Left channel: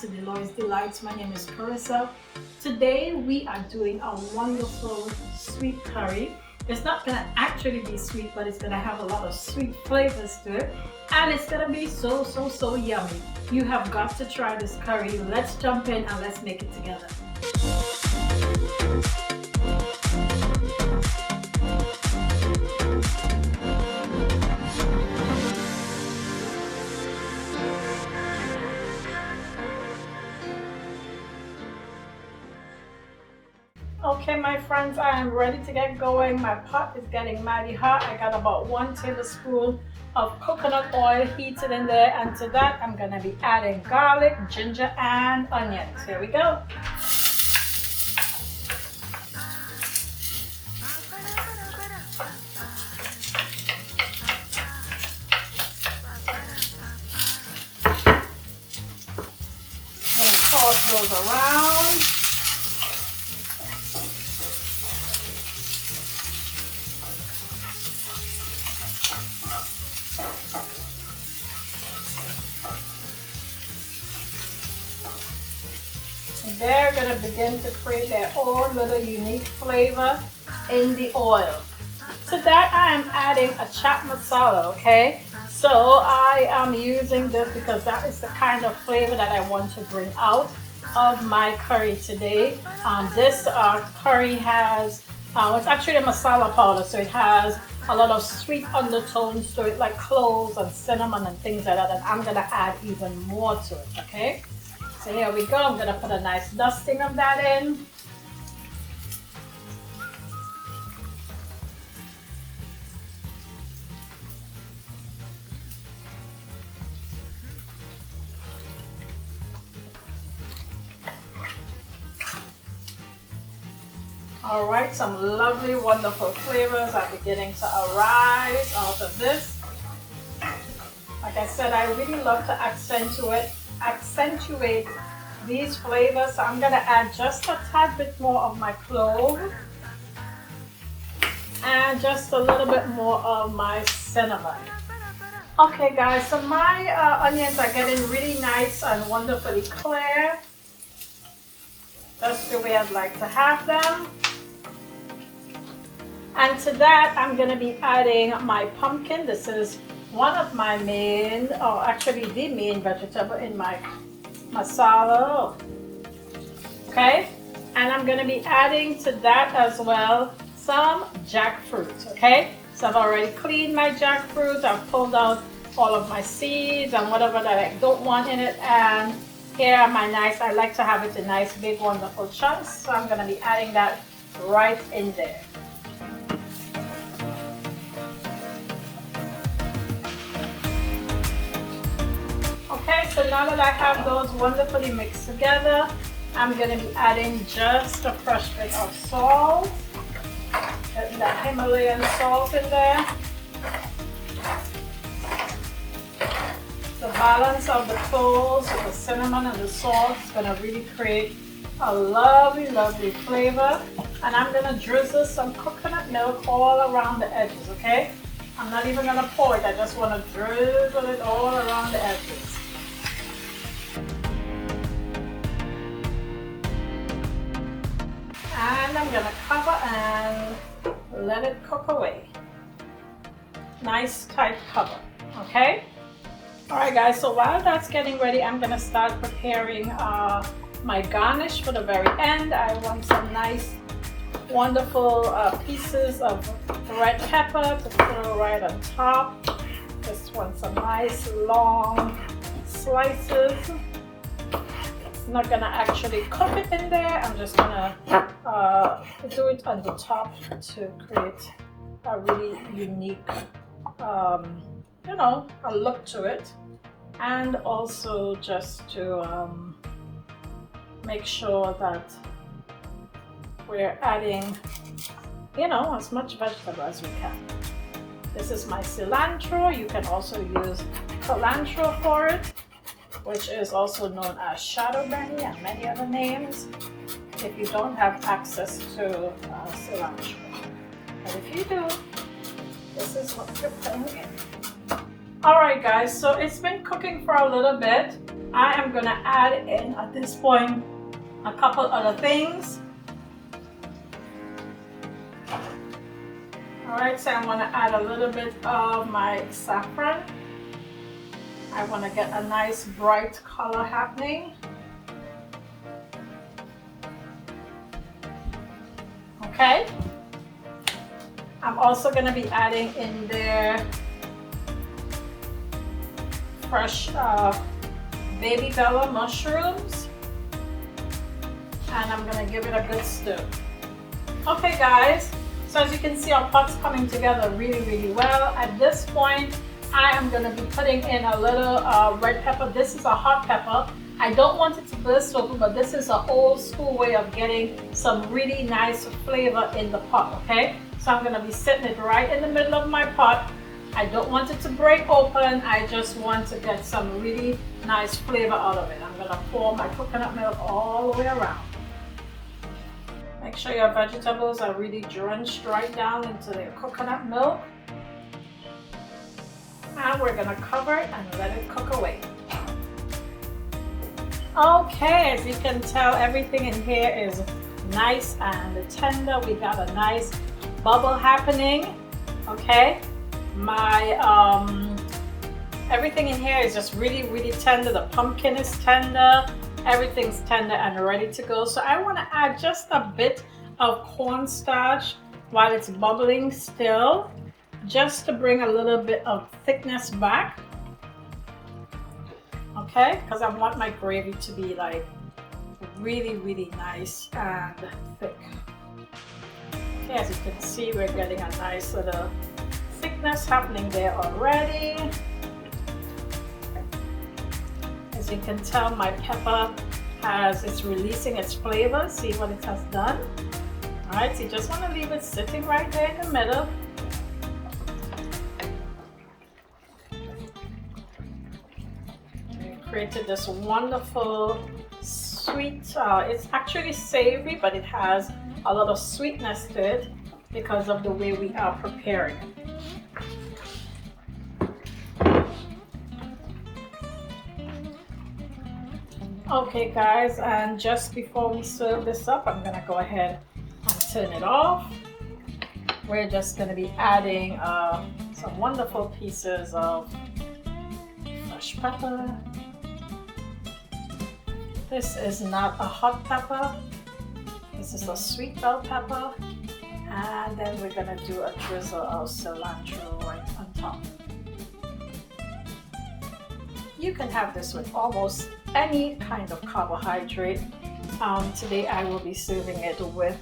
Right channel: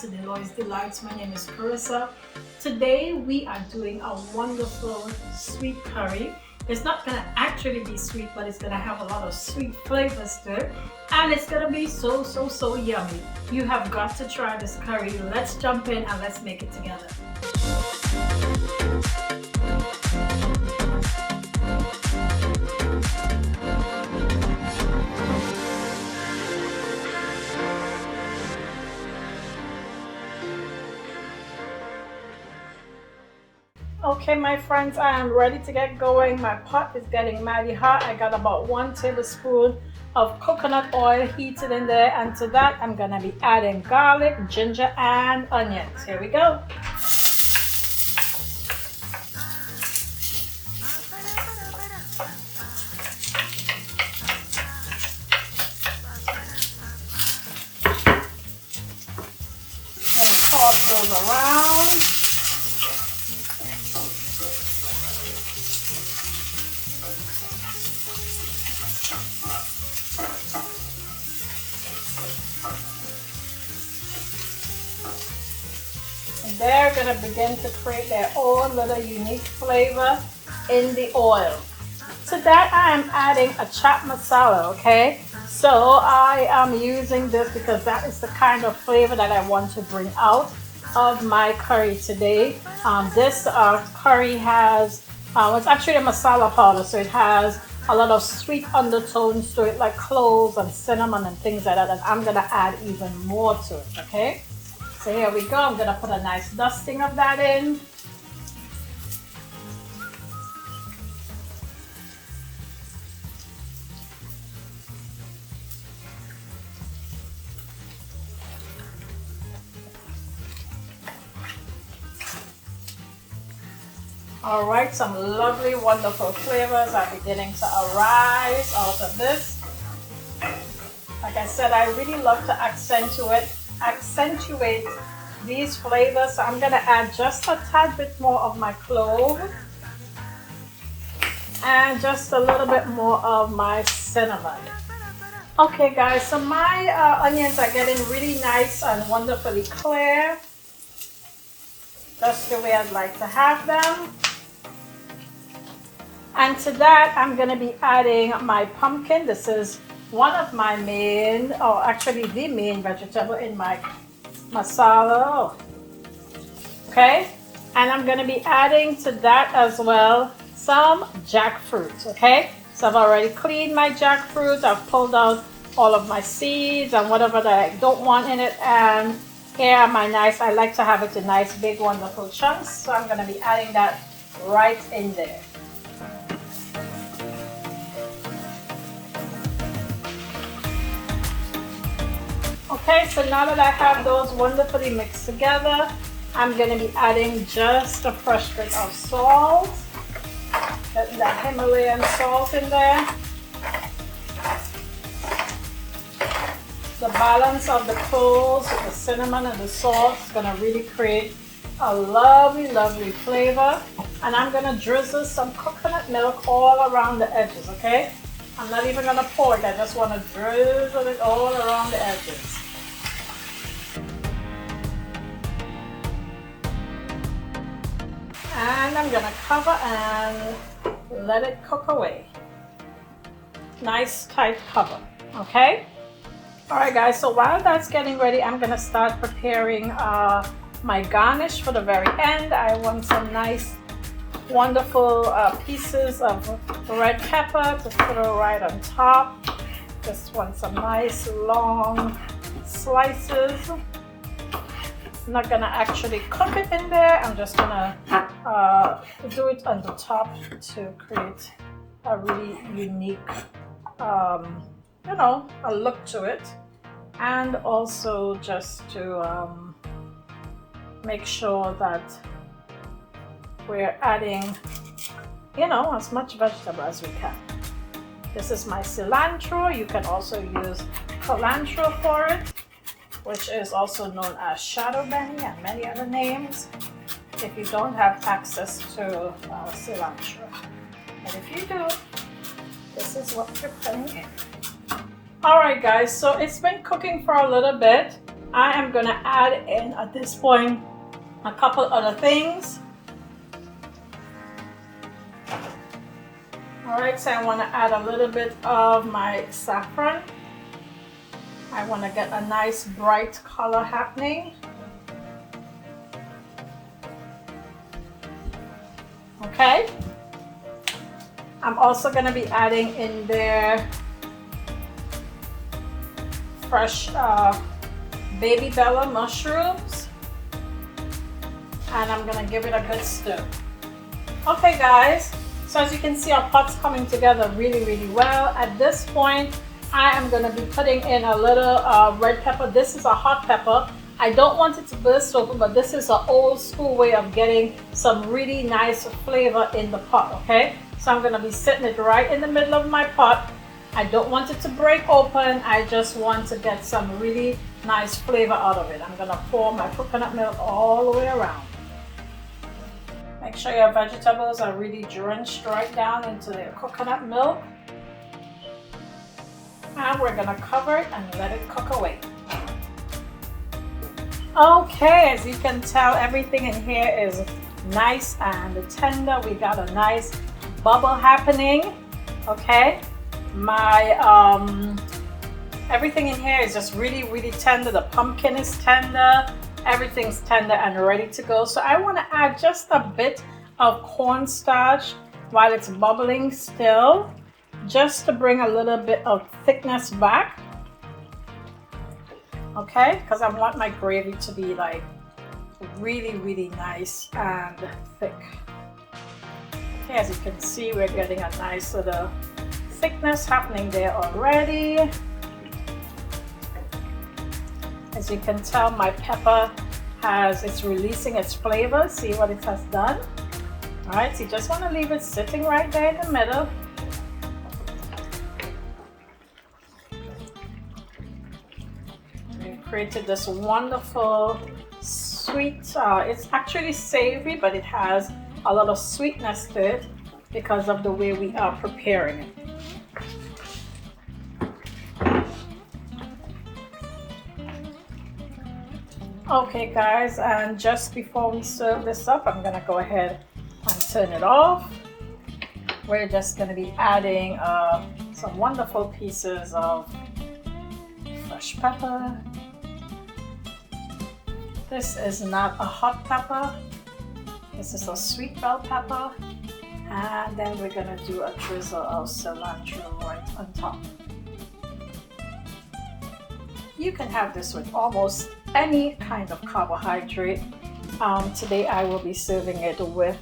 to Deloitte's Delights. My name is Carissa. Today we are doing a wonderful sweet curry. It's not gonna actually be sweet, but it's gonna have a lot of sweet flavors to it, and it's gonna be so yummy. You have got to try this curry. Let's jump in and let's make it together. Okay, my friends, I am ready to get going. My pot is getting mighty hot. I got about 1 tablespoon of coconut oil heated in there, and to that I'm gonna be adding garlic, ginger, and onions. Here we go. And toss those around. They're going to begin to create their own little unique flavor in the oil. To that I am adding a Chat Masala, okay? So I am using this because that is the kind of flavor that I want to bring out of my curry today. This curry has, it's actually a masala powder, so it has a lot of sweet undertones to it, like cloves and cinnamon and things like that, and I'm going to add even more to it, okay? So here we go. I'm going to put a nice dusting of that in. All right, some lovely, wonderful flavors are beginning to arise out of this. Like I said, I really love to accentuate these flavors, so I'm going to add just a tad bit more of my clove and just a little bit more of my cinnamon. Okay guys, so my onions are getting really nice and wonderfully clear, just the way I'd like to have them. And to that I'm going to be adding my pumpkin. This is one of my main, or actually the main vegetable in my masala. Okay, and I'm going to be adding to that as well some jackfruit. Okay, so I've already cleaned my jackfruit. I've pulled out all of my seeds and whatever that I don't want in it, and here are my nice, I like to have it in nice big wonderful chunks, so I'm going to be adding that right in there. Okay, so now that I have those wonderfully mixed together, I'm going to be adding just a fresh bit of salt. Getting that Himalayan salt in there. The balance of the cloves with the cinnamon and the salt is going to really create a lovely flavor. And I'm going to drizzle some coconut milk all around the edges, okay? I'm not even going to pour it, I just want to drizzle it all around the edges. And I'm going to cover and let it cook away. Nice tight cover, okay? Alright guys, so while that's getting ready, I'm going to start preparing my garnish for the very end. I want some nice, wonderful pieces of red pepper to put it right on top. Just want some nice long slices. I'm not going to actually cook it in there. I'm just going to do it on the top to create a really unique, you know, a look to it. And also just to make sure that we're adding, you know, as much vegetable as we can. This is my cilantro. You can also use cilantro for it, which is also known as shadow benny and many other names if you don't have access to cilantro. But if you do, this is what you're putting in. Alright guys, so it's been cooking for a little bit. I am gonna add in at this point a couple other things. Alright, so I want to add a little bit of my saffron. I want to get a nice bright color happening. Okay. I'm also going to be adding in there fresh baby bella mushrooms, and I'm going to give it a good stir. Okay guys, so as you can see, our pot's coming together really well. At this point, I am going to be putting in a little red pepper. This is a hot pepper. I don't want it to burst open, but this is an old school way of getting some really nice flavor in the pot, okay? So I'm going to be setting it right in the middle of my pot. I don't want it to break open. I just want to get some really nice flavor out of it. I'm going to pour my coconut milk all the way around. Make sure your vegetables are really drenched right down into their coconut milk. And we're going to cover it and let it cook away. Okay, as you can tell, everything in here is nice and tender. We got a nice bubble happening. Okay, my everything in here is just really tender. The pumpkin is tender, everything's tender and ready to go. So I want to add just a bit of cornstarch while it's bubbling still, just to bring a little bit of thickness back. Okay, because I want my gravy to be like really nice and thick. Okay, as you can see, we're getting a nice little thickness happening there already. As you can tell, my pepper it's releasing its flavor. See what it has done? All right, so you just want to leave it sitting right there in the middle. Created this wonderful sweet, it's actually savory, but it has a lot of sweetness to it because of the way we are preparing it. Okay guys, and just before we serve this up, I'm gonna go ahead and turn it off. We're just gonna be adding some wonderful pieces of fresh pepper. This is not a hot pepper. This is a sweet bell pepper. And then we're gonna do a drizzle of cilantro right on top. You can have this with almost any kind of carbohydrate. Today I will be serving it with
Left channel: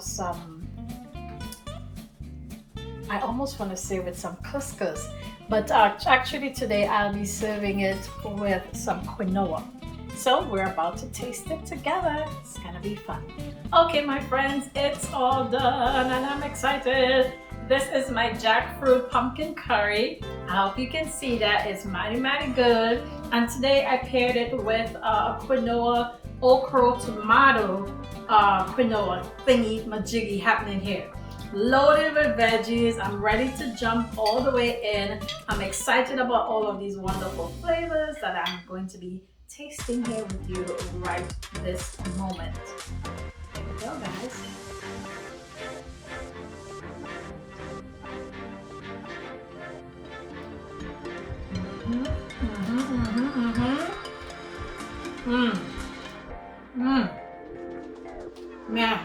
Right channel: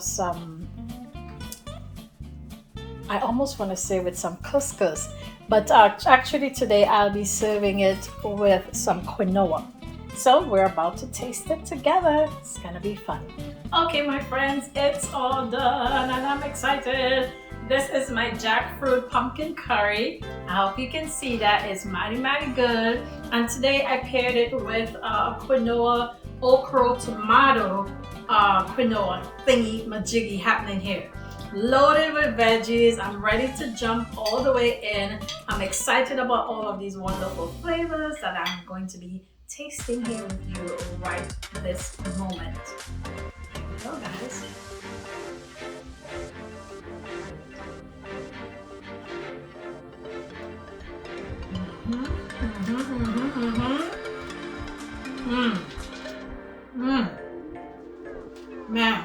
some, I almost want to say with some couscous, but actually today I'll be serving it with some quinoa. So we're about to taste it together. It's gonna be fun. Okay, my friends, it's all done and I'm excited. This is my jackfruit pumpkin curry. I hope you can see that it's mighty good. And today I paired it with a quinoa, okra, tomato quinoa thingy majiggy happening here. Loaded with veggies. I'm ready to jump all the way in. I'm excited about all of these wonderful flavors that I'm going to be tasting here with you right this moment. Here we go, guys. Man,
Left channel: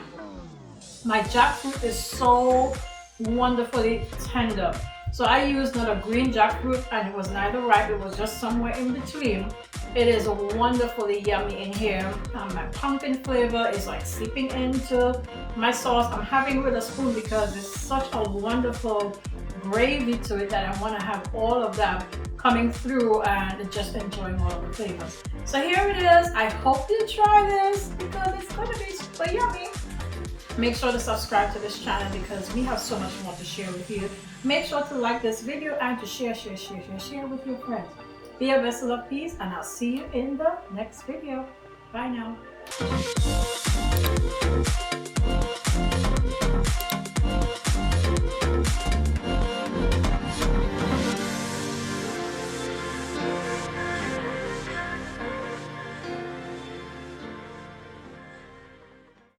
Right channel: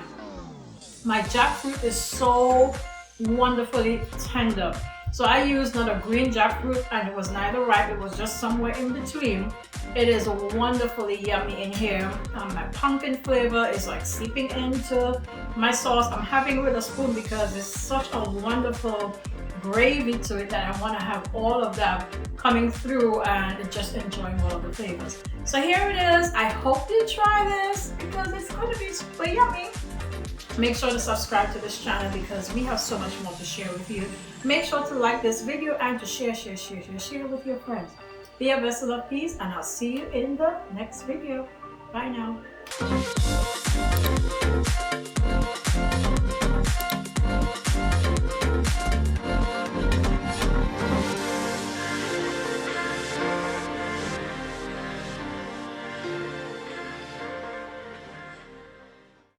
my jackfruit is so wonderfully tender. So I used not a green jackfruit and it was neither ripe, it was just somewhere in between. It is wonderfully yummy in here. My pumpkin flavor is like seeping into my sauce. I'm having it with a spoon because it's such a wonderful gravy to it that I want to have all of that coming through and just enjoying all of the flavors. So here it is. I hope you try this because it's going to be super yummy. Make sure to subscribe to this channel because we have so much more to share with you. Make sure to like this video and to share with your friends. Be a vessel of peace and I'll see you in the next video. Bye now.